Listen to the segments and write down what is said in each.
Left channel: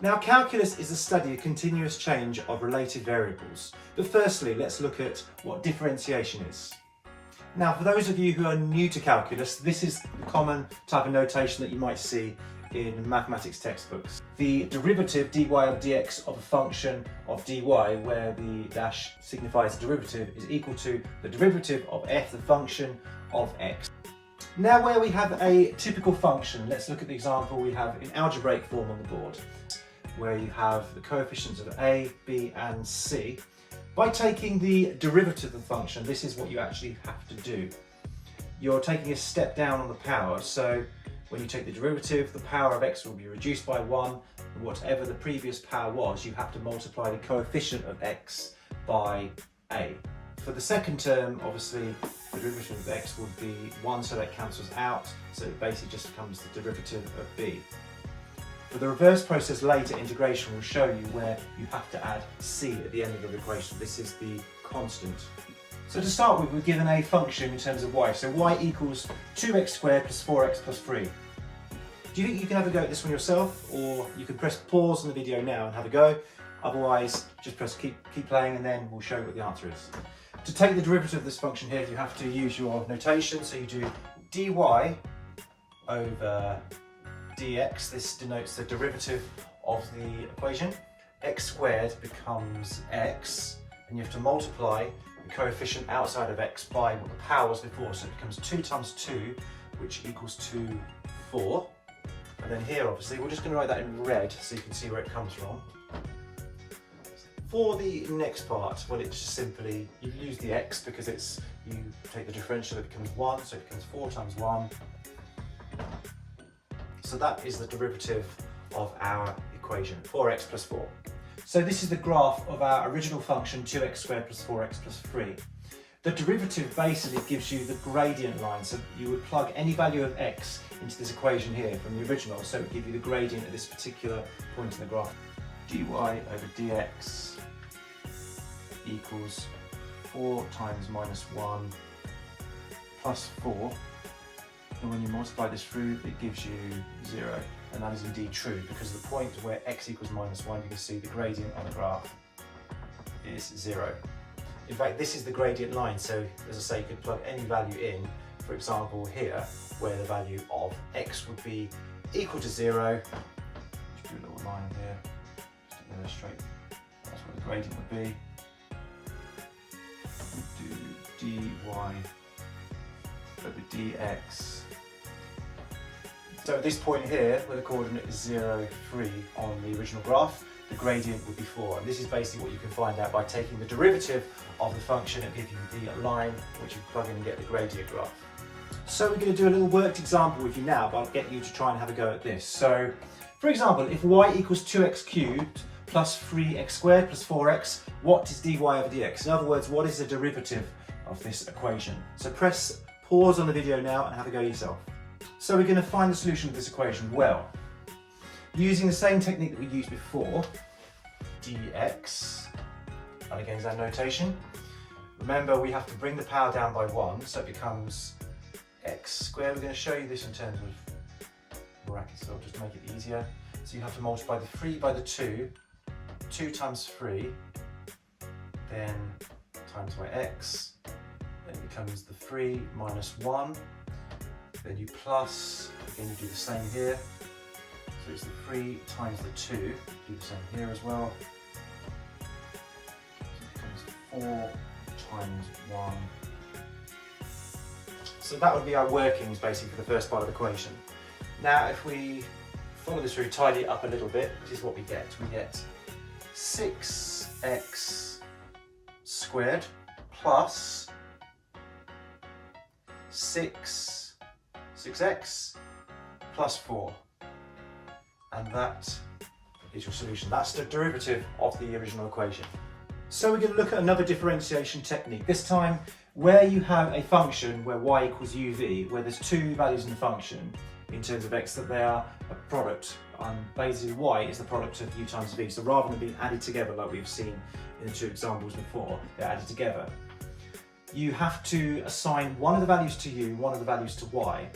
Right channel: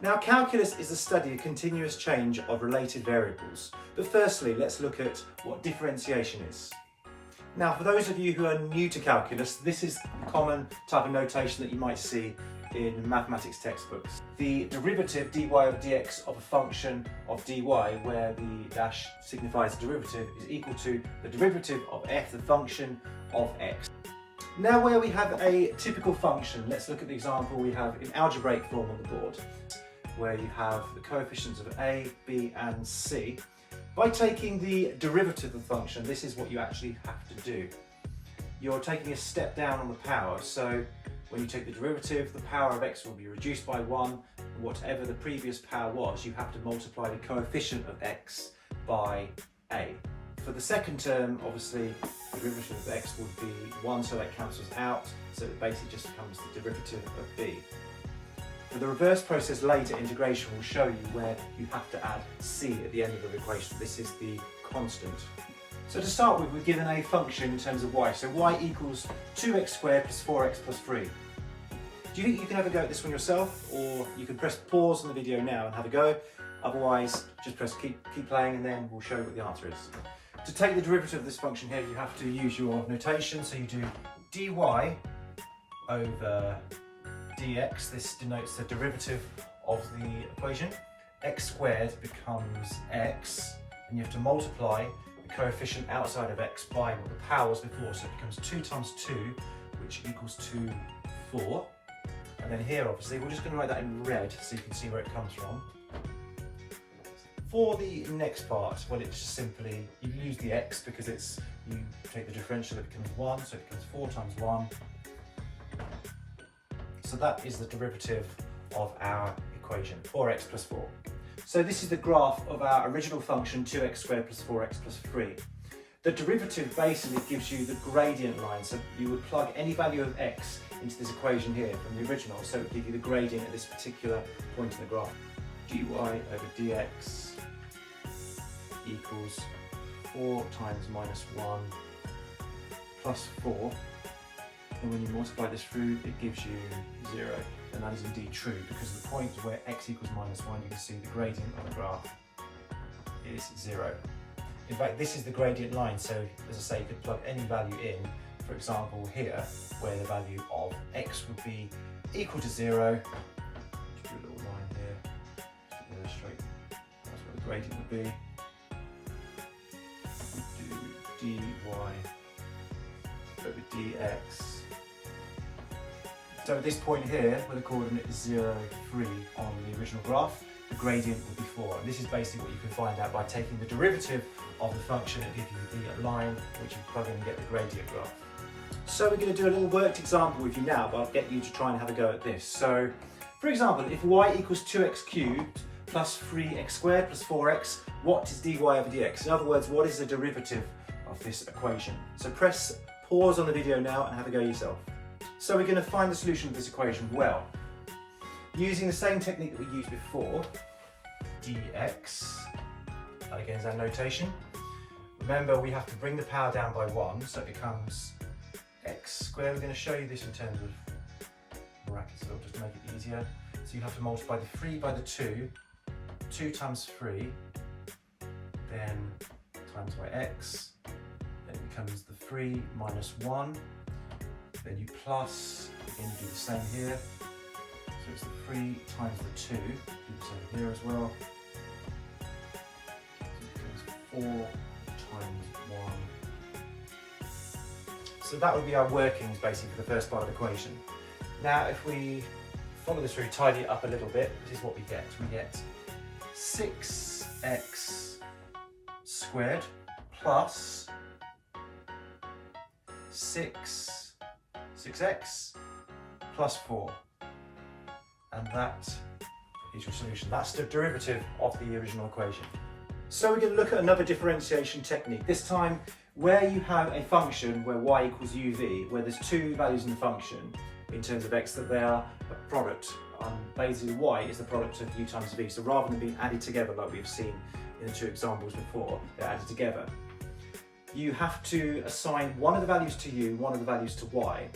Now, calculus is the study of continuous change of related variables. But firstly, let's look at what differentiation is. Now, for those of you who are new to calculus, this is the common type of notation that you might see in mathematics textbooks. The derivative dy over dx of a function of dy, where the dash signifies the derivative, is equal to the derivative of f, the function of x. Now, where we have a typical function, let's look at the example we have in algebraic form on the board, where you have the coefficients of a, b and c. By taking the derivative of the function, this is what you actually have to do. You're taking a step down on the power, so when you take the derivative, the power of x will be reduced by 1, and whatever the previous power was, you have to multiply the coefficient of x by a. For the second term, obviously, the derivative of x would be 1, so that cancels out, so it basically just becomes the derivative of b. For the reverse process later, integration will show you where you have to add c at the end of the equation. This is the constant. So to start with, we're given a function in terms of y. So y equals 2x squared plus 4x plus 3. Do you think you can have a go at this one yourself? Or you can press pause on the video now and have a go. Otherwise, just press keep playing and then we'll show you what the answer is. To take the derivative of this function here, you have to use your notation. So you do dy over dx. This denotes the derivative of the equation. X squared becomes x, and you have to multiply the coefficient outside of x by what the power was before, so it becomes 2 times 2, which equals to 4. And then here, obviously, we're just going to write that in red so you can see where it comes from. For the next part, well, it's just simply, you lose the x because you take the differential, it becomes 1, so it becomes 4 times 1. So that is the derivative of our equation, 4x plus 4. So this is the graph of our original function, 2x squared plus 4x plus 3. The derivative basically gives you the gradient line. So you would plug any value of x into this equation here from the original, so it would give you the gradient at this particular point in the graph. dy over dx equals 4 times minus 1 plus 4. And when you multiply this through, it gives you 0. And that is indeed true, because the point where x equals minus 1, you can see the gradient on the graph is 0. In fact, this is the gradient line, so as I say, you could plug any value in, for example here, where the value of x would be equal to 0. Just do a little line here, just to illustrate that's where the gradient would be. Do dy over dx. So at this point here, where the coordinate is 0, 3 on the original graph, the gradient would be 4. And this is basically what you can find out by taking the derivative of the function and giving the line which you plug in and get the gradient graph. So we're going to do a little worked example with you now, but I'll get you to try and have a go at this. So, for example, if y equals 2x cubed plus 3x squared plus 4x, what is dy over dx? In other words, what is the derivative of this equation? So press pause on the video now and have a go yourself. So we're going to find the solution of this equation. Well, using the same technique that we used before, dx, and again is our notation. Remember, we have to bring the power down by 1, so it becomes x squared. We're going to show you this in terms of brackets, so just to make it easier. So you have to multiply the 3 by the 2, 2 times 3, then times by x, then it becomes the 3 minus 1, then you plus, again you do the same here, so it's the 3 times the 2, do the same here as well, so it becomes 4 times 1. So that would be our workings basically for the first part of the equation. Now if we follow this through, tidy it up a little bit, this is what we get. We get 6x squared plus 6x plus 4. And that is your solution. That's the derivative of the original equation. So we're going to look at another differentiation technique. This time where you have a function where y equals uv, where there's two values in the function in terms of x, that they are a product. Basically y is the product of u times v. So rather than being added together like we've seen in the two examples before, they're added together. You have to assign one of the values to u, one of the values to y,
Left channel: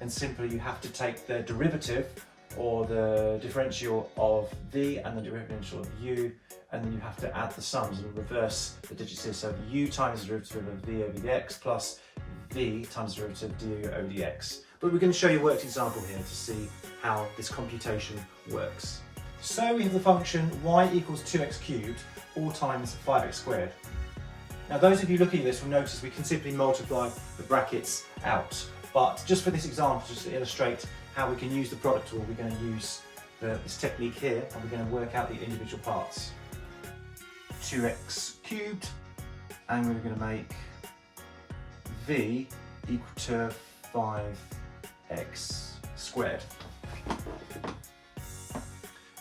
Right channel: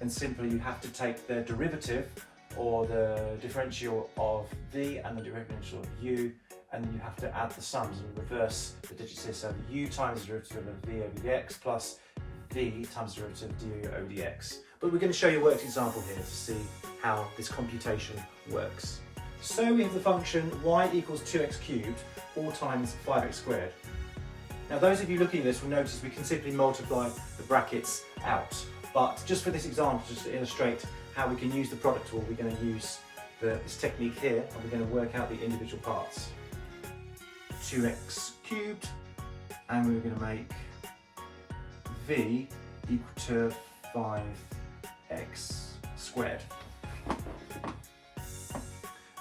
and simply you have to take the derivative or the differential of v and the differential of u, and then you have to add the sums and reverse the digits here. So u times the derivative of v over dx plus v times the derivative of du over dx. But we're going to show you a worked example here to see how this computation works. So we have the function y equals 2x cubed all times 5x squared. Now those of you looking at this will notice we can simply multiply the brackets out. But just for this example, just to illustrate how we can use the product tool, we're going to use this technique here, and we're going to work out the individual parts. 2x cubed, and we're going to make v equal to 5x squared.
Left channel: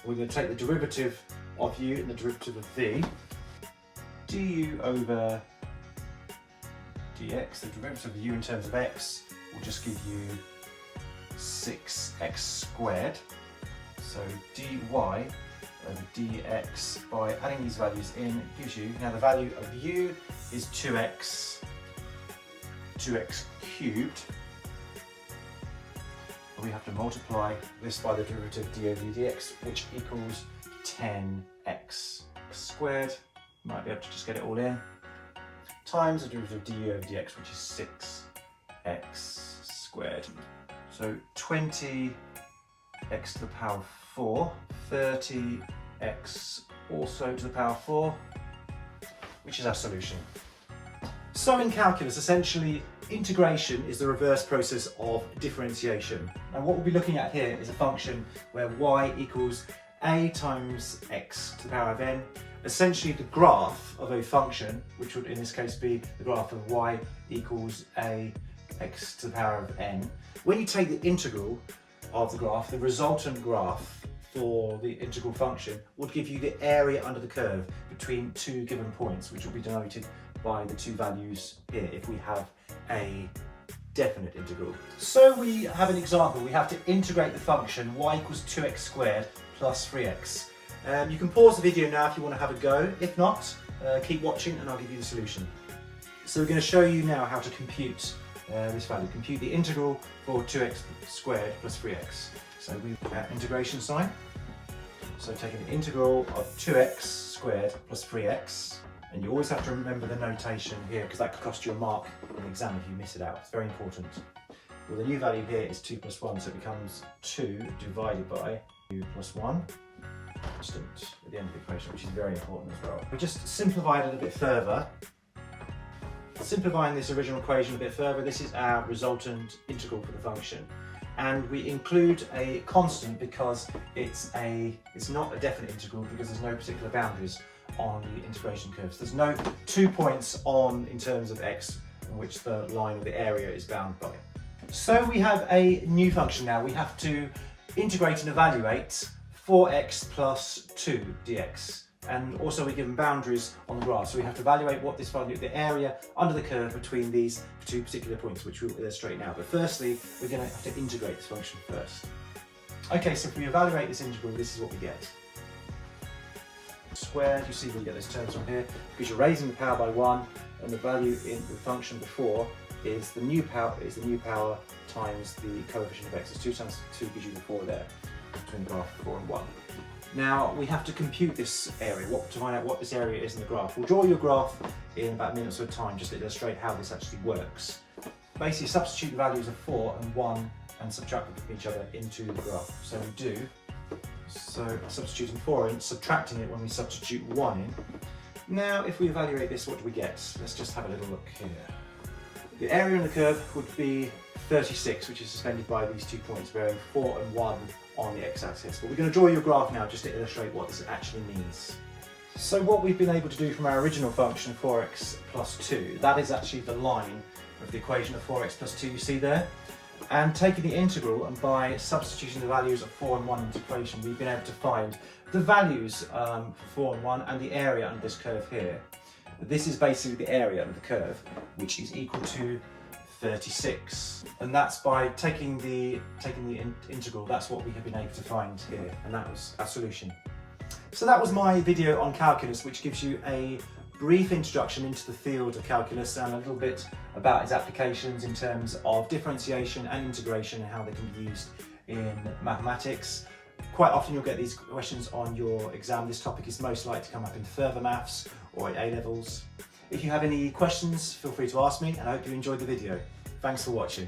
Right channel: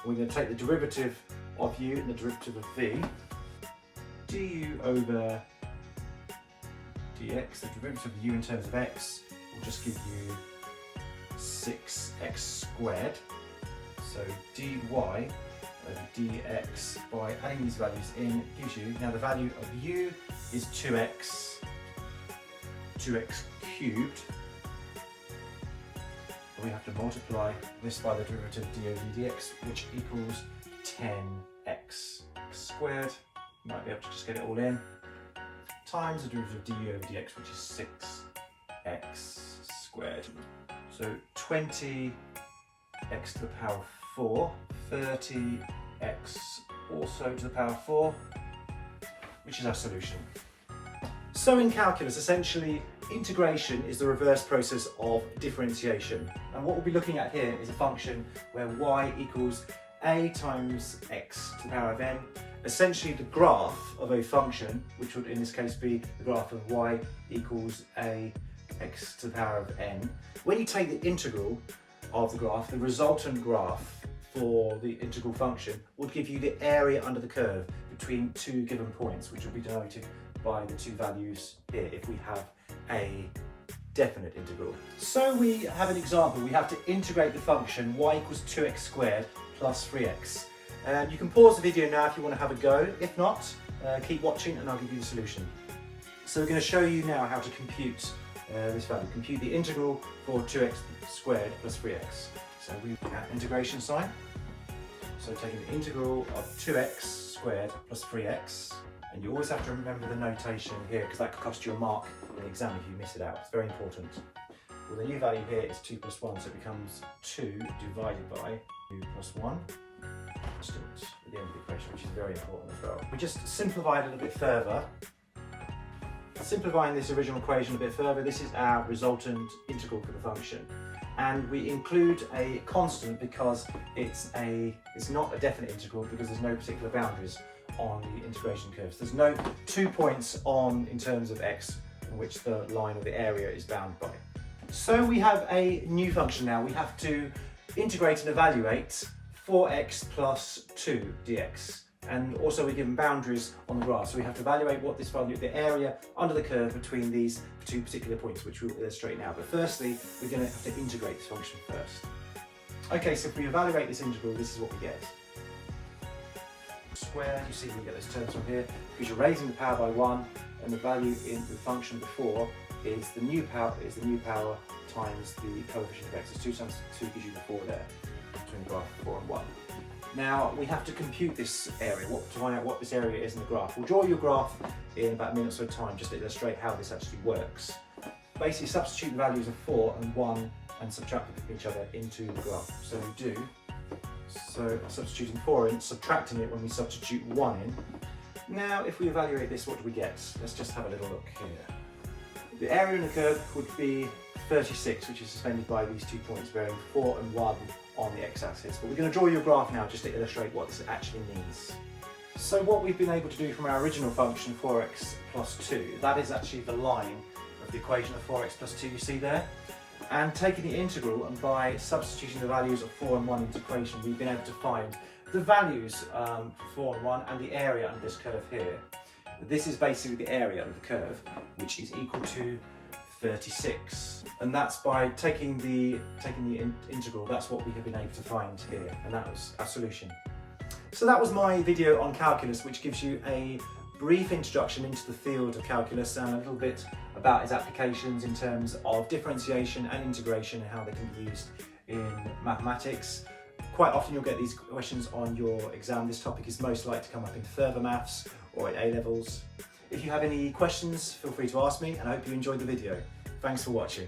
We're going to take the derivative of u and the derivative of v, du over dx, the derivative of u in terms of x will just give you 6x squared. So dy over dx, by adding these values in, gives you, now the value of u is 2x cubed. We have to multiply this by the derivative d over dx, which equals 10x squared. Might be able to just get it all in. Times the derivative of du over dx, which is 6x squared. So 20x to the power of 4, 30x also to the power of 4, which is our solution. So in calculus, essentially, integration is the reverse process of differentiation. And what we'll be looking at here is a function where y equals a times x to the power of n. Essentially the graph of a function, which would in this case be the graph of y equals a x to the power of n. When you take the integral of the graph, the resultant graph for the integral function would give you the area under the curve between two given points, which will be denoted by the two values here if we have a definite integral. So we have an example. We have to integrate the function y equals 2x squared plus 3x. You can pause the video now if you want to have a go. If not, keep watching and I'll give you the solution. So we're going to show you now how to compute this value. Compute the integral for 2x squared plus 3x. So we have integration sign. So taking the integral of 2x squared plus 3x. And you always have to remember the notation here because that could cost you a mark in the exam if you miss it out. It's very important. Well, the new value here is 2 plus 1, so it becomes 2 divided by 2 plus 1 constant at the end of the equation, which is very important as well. We just simplified it a bit further. Simplifying this original equation a bit further, this is our resultant integral for the function. And we include a constant because it's not a definite integral because there's no particular boundaries on the integration curves. There's no 2 points in terms of x in which the line or the area is bound by. So we have a new function now. We have to integrate and evaluate 4x plus 2 dx. And also we're given boundaries on the graph. So we have to evaluate what this value, the area under the curve between these two particular points, which we'll illustrate now. But firstly, we're going to have to integrate this function first. Okay, so if we evaluate this integral, this is what we get. Squared, you see we get those terms from here because you're raising the power by 1, and the value in the function before is the new power times the coefficient of x. So 2 times 2 gives you the 4 there between the graph 4 and 1. Now we have to compute this area, to find out what this area is in the graph. We'll draw your graph in about a minute's of time just to illustrate how this actually works. Basically substitute the values of 4 and 1 and subtract them from each other into the graph. So we do. So substituting 4 in, subtracting it when we substitute 1 in. Now if we evaluate this, what do we get? Let's just have a little look here. The area in the curve would be 36, which is suspended by these 2 points bearing 4 and 1 on the x-axis. But we're going to draw your graph now just to illustrate what this actually means. So what we've been able to do from our original function 4x plus 2, that is actually the line of the equation of 4x plus 2 you see there. And taking the integral, and by substituting the values of 4 and 1 into the equation, we've been able to find the values for 4 and 1 and the area under this curve here. This is basically the area under the curve, which is equal to 36. And that's by taking the integral, that's what we have been able to find here. And that was our solution. So that was my video on calculus, which gives you a brief introduction into the field of calculus and a little bit about its applications in terms of differentiation and integration and how they can be used in mathematics. Quite often you'll get these questions on your exam. This topic is most likely to come up in further maths or at A-levels. If you have any questions, feel free to ask me, and I hope you enjoyed the video. Thanks for watching.